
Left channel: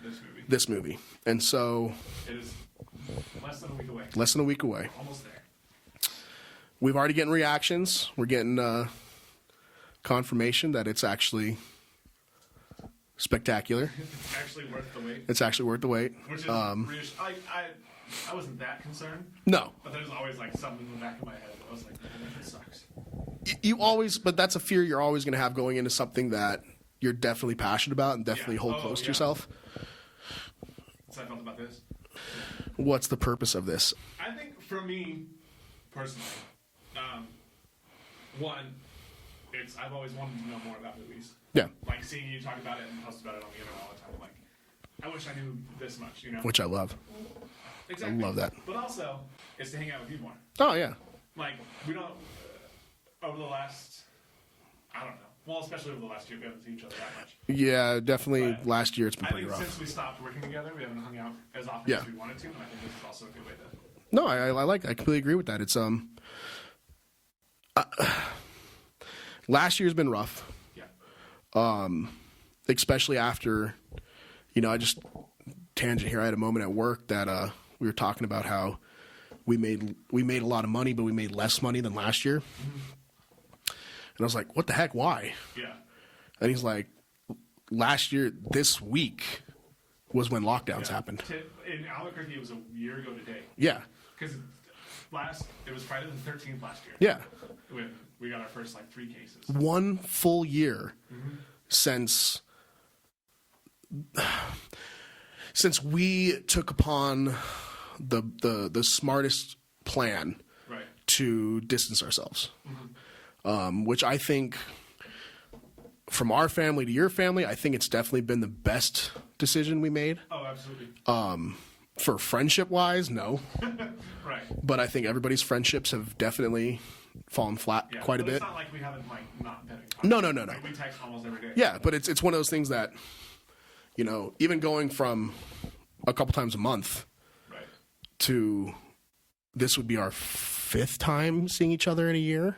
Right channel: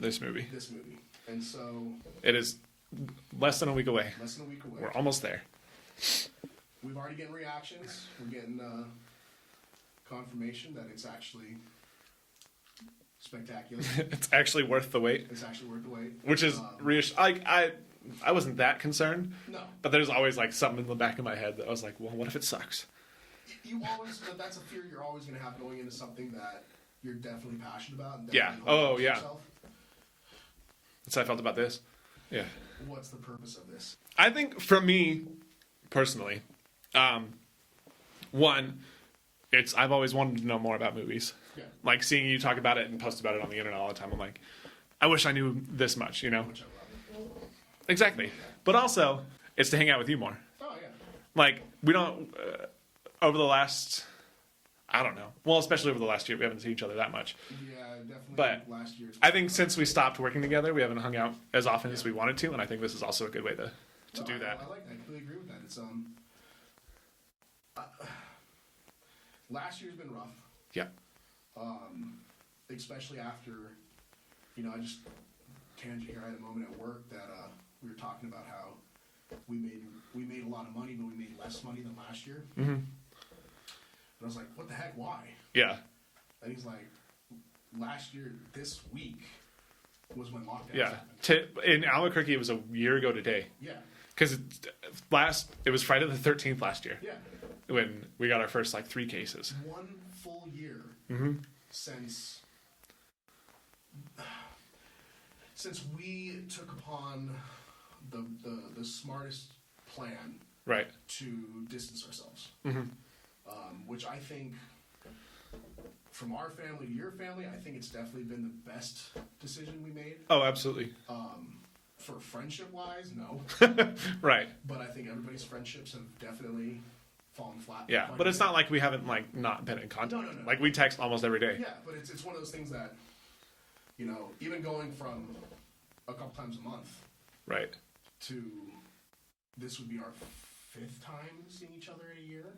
This movie. this movie. And so, It is less than a week away. less than a week away. We're almost there. We've already getting reactions. We're getting confirmation that it's actually spectacular. It's actually worth the wait, It's actually worth the wait. which is I wasn't that concerned, No. but there's always like something in the back of my head that I was like, well, what if it sucks? You always, but that's a fear you're always going to have going into something that you're definitely passionate about and definitely hold close to yourself. That's how I felt about this. Yeah. What's the purpose of this? I think for me, personally, one, I've always wanted to know more about movies. Yeah. Like seeing you talk about it and post about it on the internet all the time. I'm like, I wish I knew this much, you know? Which I love. Exactly. I love that. But also, it's to hang out with you more. Oh, yeah. Like, we don't, over the last, I don't know. Well, especially over the last year, we haven't seen each other that much. Yeah, definitely But last year it's been I pretty think rough. since we stopped working together, we haven't hung out as often Yeah. as we wanted to, and I think this is also a good way to. No, I completely agree with that. It's last year's been rough, Yeah. especially after, I just tangent here. I had a moment at work that we were talking about how we made a lot of money, but we made less money than last year. Mm-hmm. And I was like, "What the heck? Why?" Yeah. And he's like, "Last year, this week was when lockdowns happened." In Albuquerque, it was a year ago today. Yeah, Because it was Friday the 13th last year. yeah. When we got our first 3 cases. 1 full year since we took upon the smartest plan Right. to distance ourselves. Which I think, from our family to your family, I think it's definitely been the best decision we made. Oh, absolutely. For friendship-wise, no. Right. But I think everybody's friendships have definitely fallen flat Yeah. quite a But bit. it's not like we haven't like not been in contact. No. Like we text almost every day. Yeah, but it's one of those things that, even going from a couple times a month Right. to this would be our 5th time seeing each other in a year,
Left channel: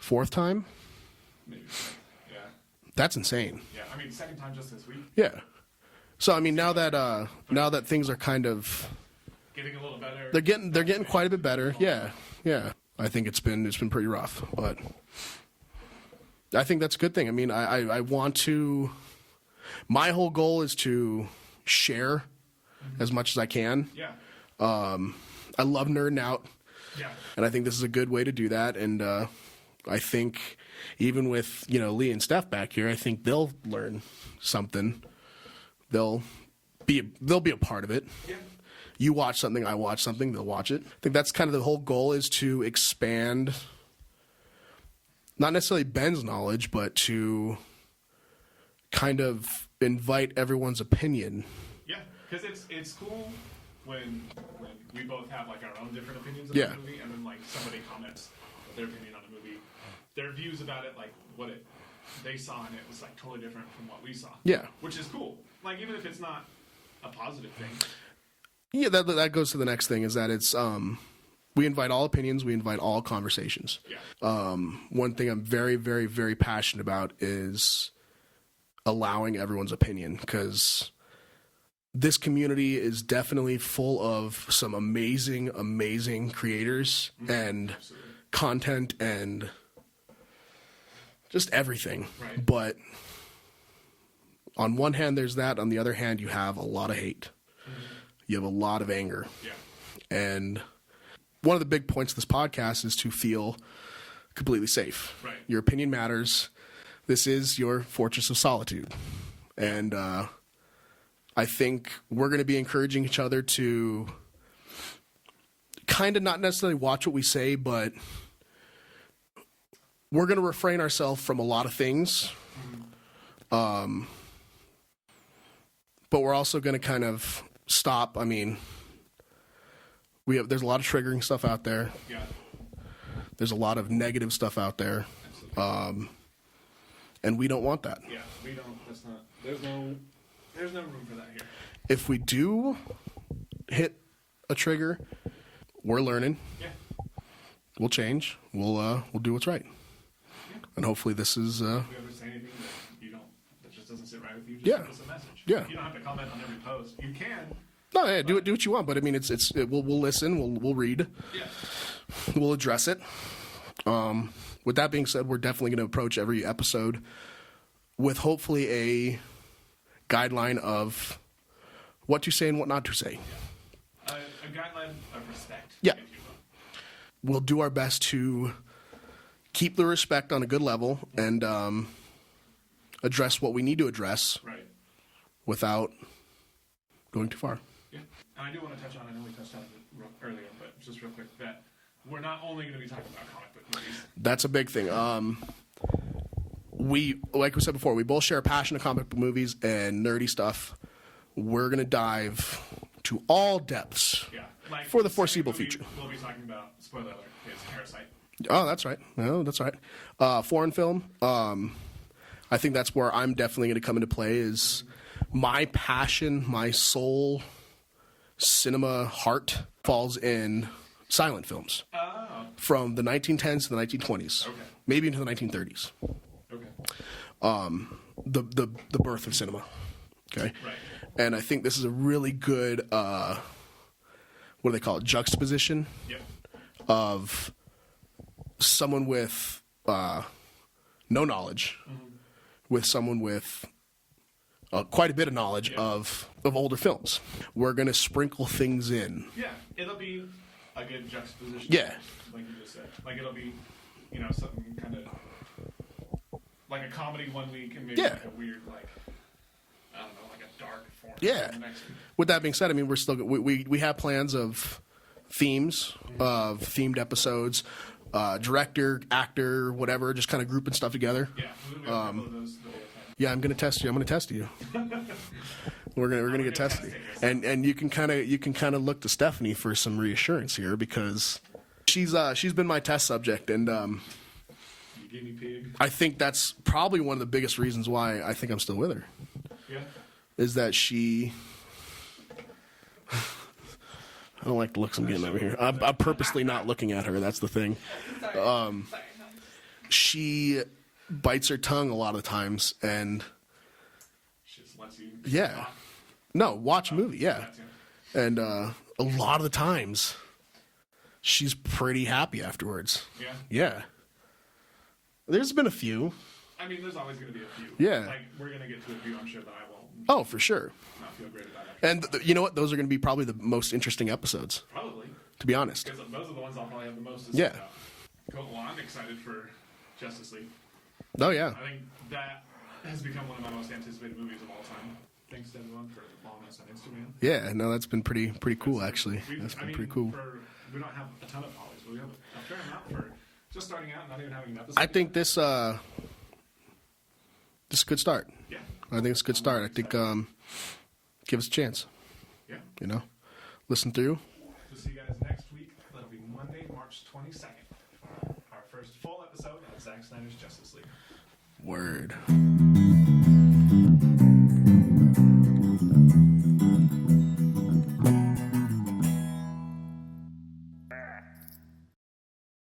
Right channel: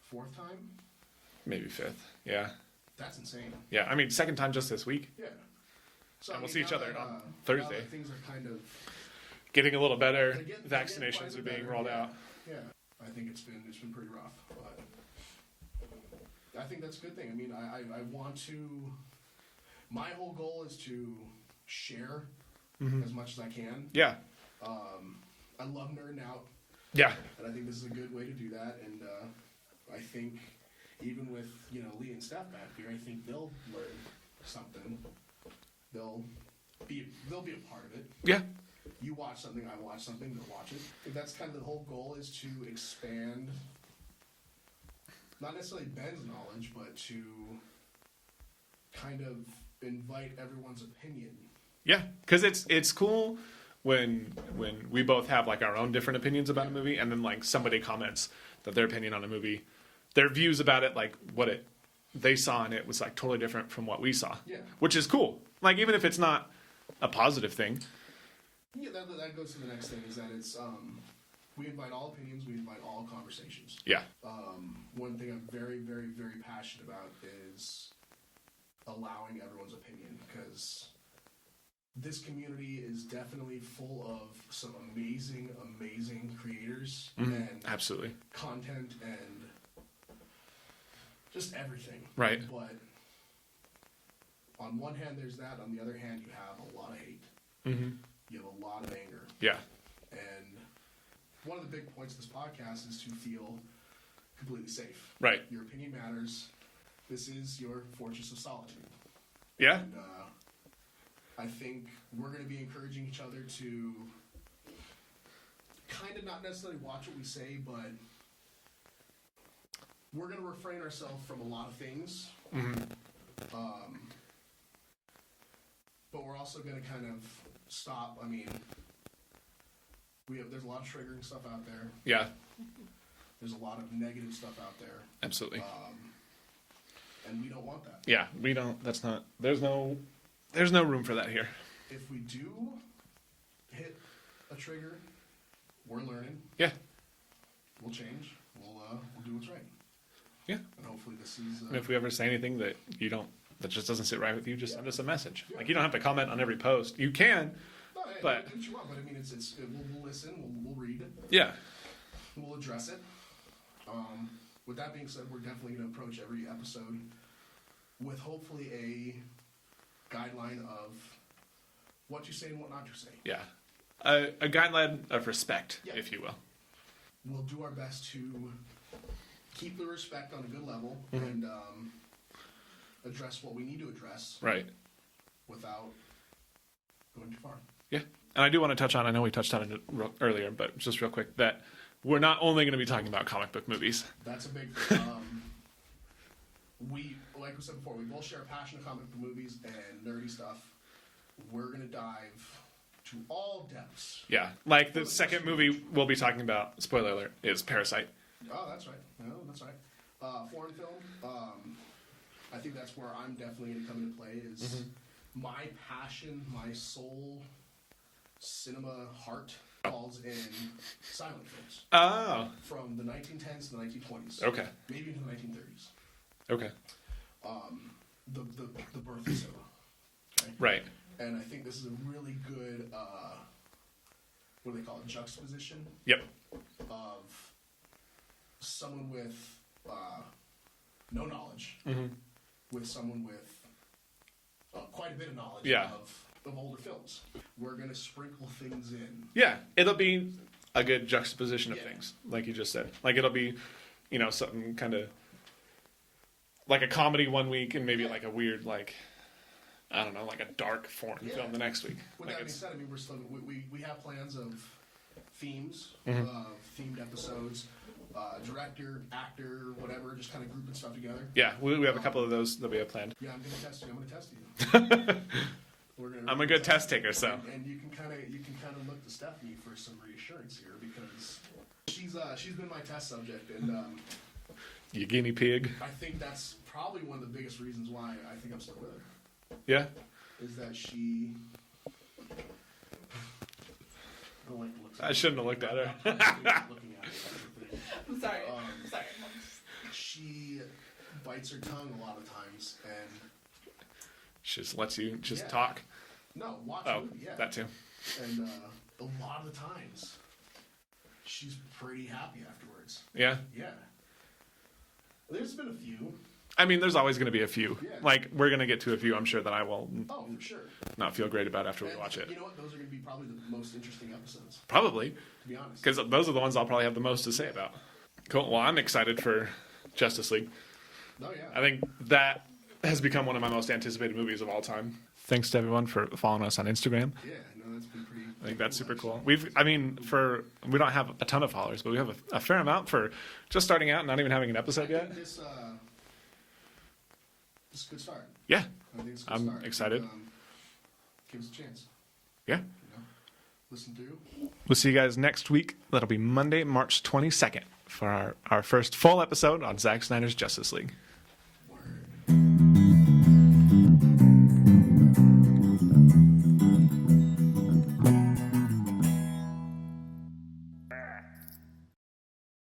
4th time. Maybe 5th. Yeah. That's insane. Yeah. I mean, 2nd time just this week. Yeah. So I mean, see now each other that Thursday. things are kind of Getting a little better. they're getting quite a Vaccinations bit are better. being rolled Yeah, out. yeah. I think it's been pretty rough, but I think that's a good thing. I mean, I want to. My whole goal is to share as much as I can. Yeah. I love nerding out, Yeah. and I think this is a good way to do that. And I think even with Lee and Steph back here, I think they'll learn something. They'll be a part of it. Yeah. You watch something, I watch something, they'll watch it. I think that's kind of the whole goal, is to expand, not necessarily Ben's knowledge, but to kind of invite everyone's opinion. Yeah. Because it's cool when we both have like our own different opinions about Yeah. a movie, and then like somebody comments that their opinion on a movie, their views about it, like they saw in it was like totally different from what we saw. Yeah. Which is cool. Like even if it's not a positive thing. Yeah, that goes to the next thing, is that it's we invite all opinions, we invite all conversations. Yeah. One thing I'm very, very, very passionate about is allowing everyone's opinion, because this community is definitely full of some amazing, amazing creators and Absolutely. content and just everything. Right. But on one hand, there's that. On the other hand, you have a lot of hate. You have a lot of anger. Yeah. And one of the big points of this podcast is to feel completely safe. Right. Your opinion matters. This is your fortress of solitude. Yeah. And I think we're going to be encouraging each other to kind of not necessarily watch what we say, but we're going to refrain ourselves from a lot of things. But we're also going to kind of stop. I mean, there's a lot of triggering stuff out there. Yeah. There's a lot of negative stuff out there. Absolutely. And we don't want that. Yeah. We don't. That's not. There's no room for that here. If we do hit a trigger, we're learning. Yeah. We'll change. We'll do what's right. Yeah. And hopefully this is. If we ever say anything that just doesn't sit right with you, just Yeah. send us a message. Yeah. Like, you don't have to comment on every post. You can. No, yeah, But- do what you want. But I mean, we'll listen. We'll read. Yeah. We'll address it. With that being said, we're definitely going to approach every episode with hopefully a guideline of what to say and what not to say. Yeah. A guideline of respect, Yeah. if you will. We'll do our best to keep the respect on a good level and address what we need to address Right. without going too far. Yeah. And I do want to touch on, I know we touched on it earlier, but just real quick, that we're not only going to be talking about comic book movies. That's a big thing. Like we said before, we both share a passion of comic book movies and nerdy stuff. We're going to dive to all depths. Yeah. Like For the the second foreseeable movie future. we'll be talking about, spoiler alert, is Parasite. Oh, that's right. No, that's right. Foreign film. I think that's where I'm definitely going to come into play, is my passion, my soul, cinema heart falls in silent films Oh. from the 1910s to the 1920s. Okay. Maybe into the 1930s. Okay. The birth of cinema. Okay. Right. And I think this is a really good, what do they call it, juxtaposition Yep. of someone with no knowledge with someone with quite a bit of knowledge Yeah. of older films. We're going to sprinkle things in. Yeah. It'll be a good juxtaposition. Yeah. Of things, like you just said. Like it'll be, something kind of like a comedy one week and maybe Yeah. like a weird, like, I don't know, like a dark form Yeah. the next week. With that being said, I mean, we're still we have plans of themes, of themed episodes, director, actor, whatever, just kind of grouping stuff together. Yeah, we have a couple of those that we have planned. Yeah, I'm gonna test you. I'm gonna test you. We're gonna I'm a get good test tested. taker, so. And you can kind of look to Stephanie for some reassurance here because she's been my test subject, and You guinea pig. I think that's probably one of the biggest reasons why I think I'm still with her. Yeah. Is that she? I don't like the looks I'm getting over here. looked at her. I'm purposely not looking at her. That's the thing. Sorry. Sorry. She bites her tongue a lot of times, and She just lets you just Yeah. talk. no, watch a Oh, movie, yeah. That too. And a lot of the times, she's pretty happy afterwards. Yeah. Yeah. There's been a few. I mean, there's always going to be a few. Yeah. Like, we're going to get to a few I'm sure that I will Oh, for sure. not feel great about after I And watch it. you know what? Those are going to be probably the most interesting episodes, Probably. to be honest. Because those are the ones I'll probably have the most to say Yeah. about. Cool. Well, I'm excited for Justice League. Oh, yeah. I think that has become one of my most anticipated movies of all time. Thanks to everyone for following us on Instagram. Yeah, no, that's been pretty That's cool, super actually. cool. We've, That's I been mean, pretty cool. we don't have a ton of followers, but we have a fair amount for just starting out and not even having an episode I yet. think this is a good start. Yeah. I think it's a good I'm start. excited. I think give us a chance, Yeah. you know? Listen through. We'll see you guys next week. That'll be Monday, March 22nd for our first full episode on Zack Snyder's Justice League. Word.